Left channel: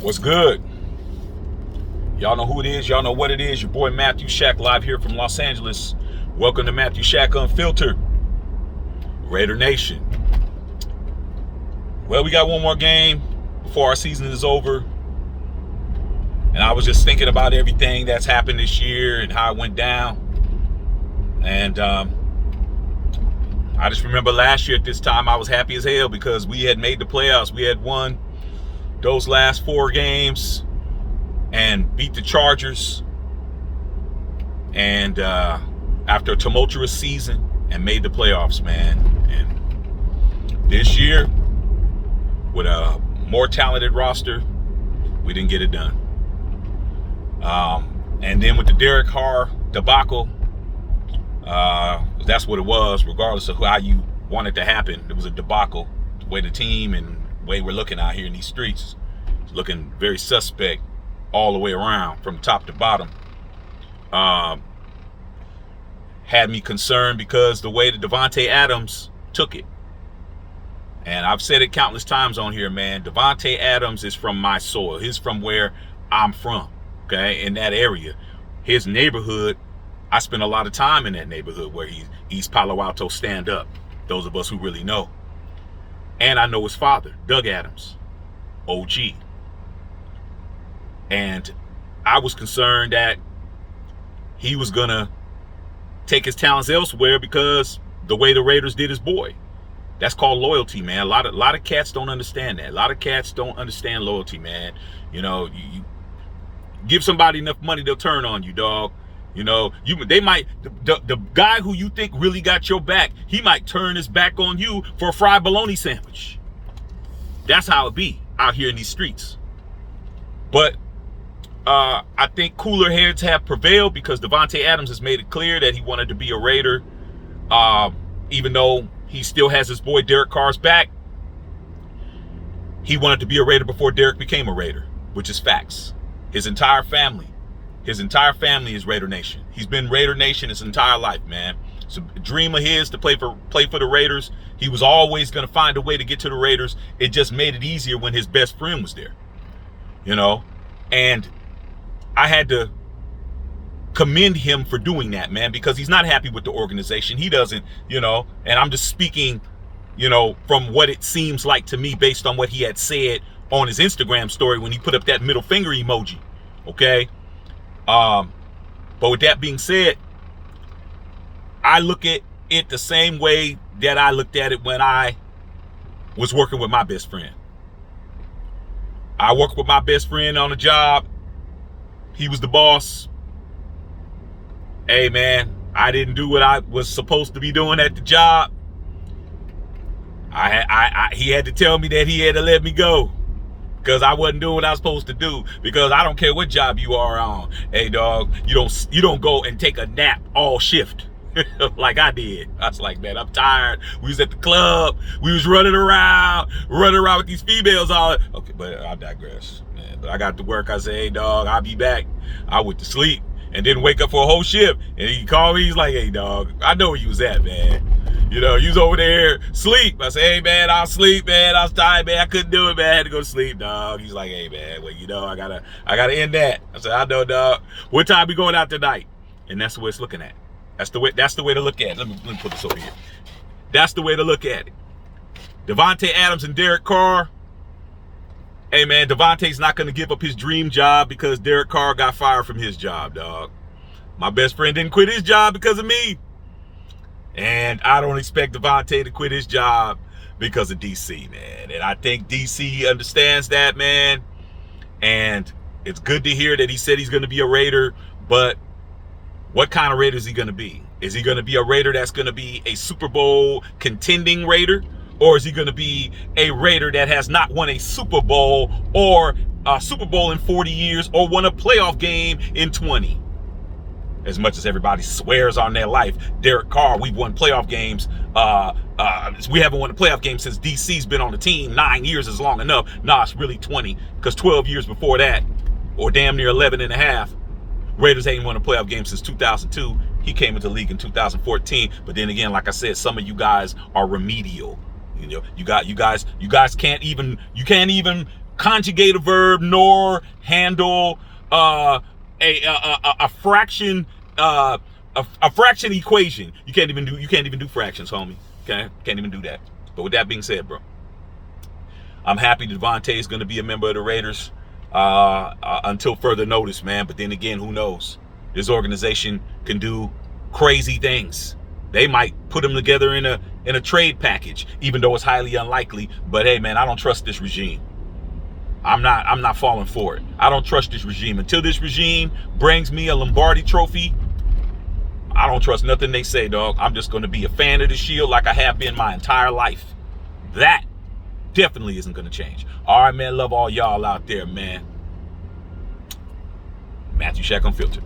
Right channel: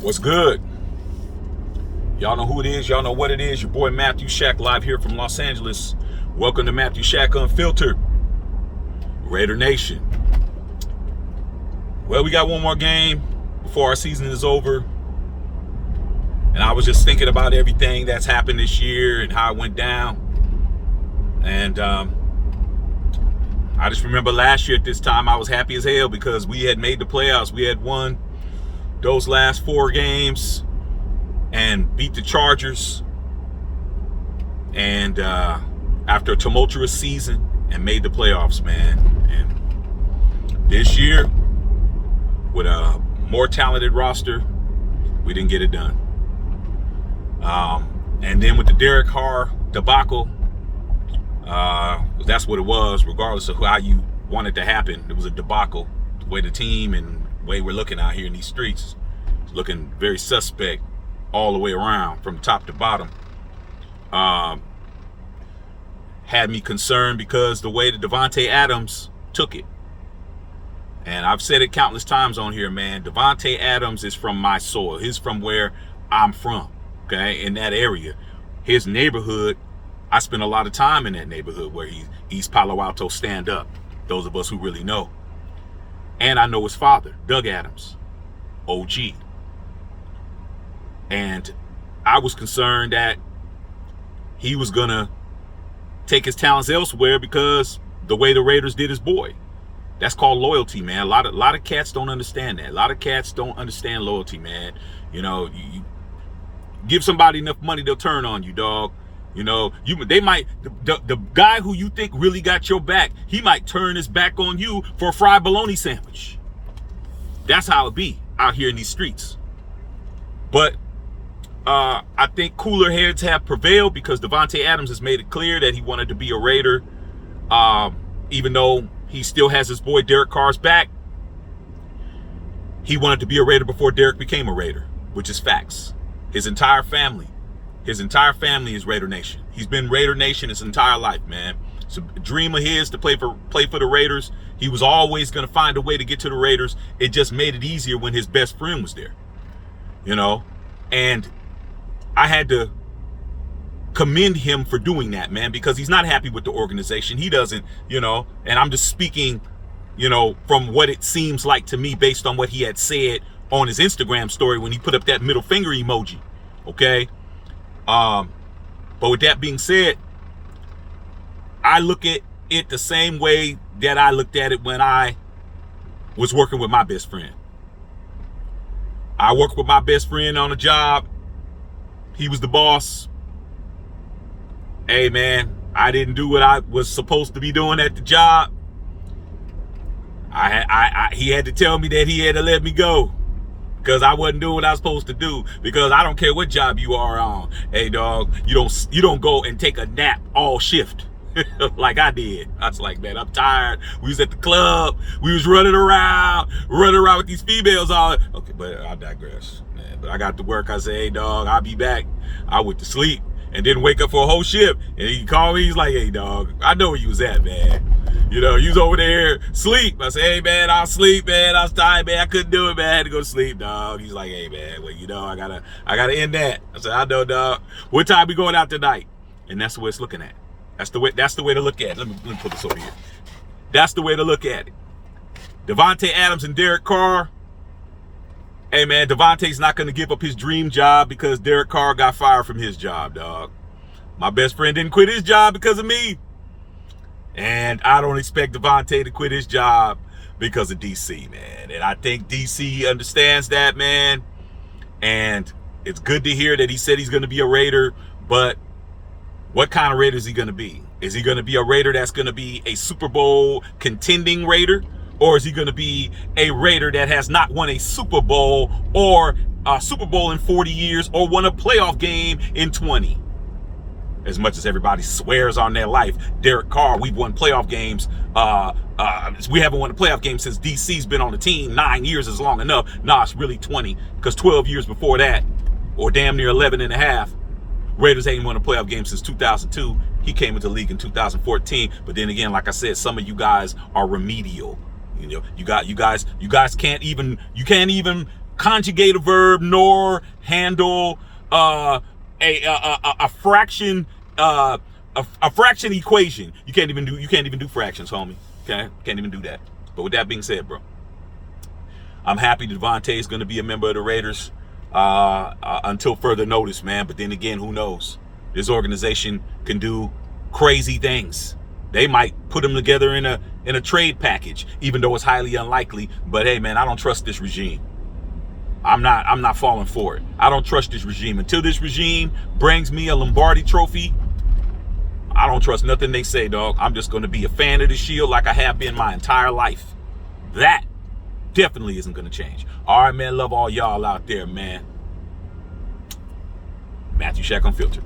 What's good? Y'all know who it is. Y'all know what it is. Your boy Matthew Shack live here from Los Angeles. Welcome to Matthew Shack Unfiltered. Raider Nation. Well, we got one more game before our season is over. And I was just thinking about everything that's happened this year and how it went down. And I just remember last year at this time, I was happy as hell because we had made the playoffs. We had won those last 4 games and beat the Chargers. And after a tumultuous season, and made the playoffs, man. And this year, with a more talented roster, we didn't get it done. And then with the Derek Carr debacle, that's what it was, regardless of how you want it to happen. It was a debacle. The way the team and the way we're looking out here in these streets, looking very suspect all the way around from top to bottom. Had me concerned because the way that Davante Adams took it. And I've said it countless times on here, man. Davante Adams is from my soil. He's from where I'm from, okay, in that area. His neighborhood, I spent a lot of time in that neighborhood where he's East Palo Alto stand up, those of us who really know. And I know his father, Doug Adams, OG. And I was concerned that he was going to take his talents elsewhere because the way the Raiders did his boy. That's called loyalty, man. A lot of cats don't understand that. A lot of cats don't understand loyalty, man. You know, you give somebody enough money, they'll turn on you, dog. You know, they might, the guy who you think really got your back, he might turn his back on you for a fried bologna sandwich. That's how it be out here in these streets. But I think cooler heads have prevailed because Davante Adams has made it clear that he wanted to be a Raider, even though he still has his boy Derek Carr's back. He wanted to be a Raider before Derek became a Raider, which is facts. His entire family is Raider Nation. He's been Raider Nation his entire life, man. It's a dream of his to play for the Raiders. He was always going to find a way to get to the Raiders. It just made it easier when his best friend was there, you know. And I had to commend him for doing that, man, because he's not happy with the organization. He doesn't, you know, and I'm just speaking, you know, from what it seems like to me based on what he had said on his Instagram story when he put up that middle finger emoji, okay? But with that being said, I look at it the same way that I looked at it when I was working with my best friend. I worked with my best friend on a job. He was the boss. Hey, man, I didn't do what I was supposed to be doing at the job. He had to tell me that he had to let me go because I wasn't doing what I was supposed to do. Because I don't care what job you are on. Hey, dog, you don't go and take a nap all shift like I did. I was like, man, I'm tired. We was at the club. We was running around with these females all. Okay, but I digress. But I got to work. I said, hey, dog, I'll be back. I went to sleep and didn't wake up for a whole shift. And he called me. He's like, hey, dog, I know where you was at, man. You know, you was over there sleep. I said, hey, man, I'll sleep, man. I was tired, man. I couldn't do it, man. I had to go to sleep, dog. He's like, hey, man, well, you know, I gotta end that. I said, I know, dog. What time we going out tonight? And that's the way it's looking at. That's the way to look at it. Let me put this over here. That's the way to look at it. Davante Adams and Derek Carr. Hey, man, Davante's not going to give up his dream job because Derek Carr got fired from his job, dog. My best friend didn't quit his job because of me. And I don't expect Davante to quit his job because of DC, man. And I think DC understands that, man. And it's good to hear that he said he's going to be a Raider. But what kind of Raider is he going to be? Is he going to be a Raider that's going to be a Super Bowl contending Raider? Or is he going to be a Raider that has not won a Super Bowl or a Super Bowl in 40 years or won a playoff game in 20? As much as everybody swears on their life, Derek Carr, we've won playoff games. We haven't won a playoff game since DC's been on the team. 9 years is long enough. Nah, it's really 20 because 12 years before that, or damn near 11 and a half, Raiders ain't won a playoff game since 2002. He came into the league in 2014. But then again, like I said, some of you guys are remedial. You know, you guys can't even conjugate a verb nor handle a fraction a fraction equation. You can't even do fractions, homie. Okay, can't even do that. But with that being said, bro, I'm happy Davante is going to be a member of the Raiders until further notice, man. But then again, who knows? This organization can do crazy things. They might put them together in a trade package, even though it's highly unlikely. But hey, man, I don't trust this regime. I'm not falling for it. I don't trust this regime. Until this regime brings me a Lombardi trophy, I don't trust nothing they say, dog. I'm just going to be a fan of the Shield like I have been my entire life. That definitely isn't going to change. All right, man. Love all y'all out there, man. Matthew Shack Unfiltered.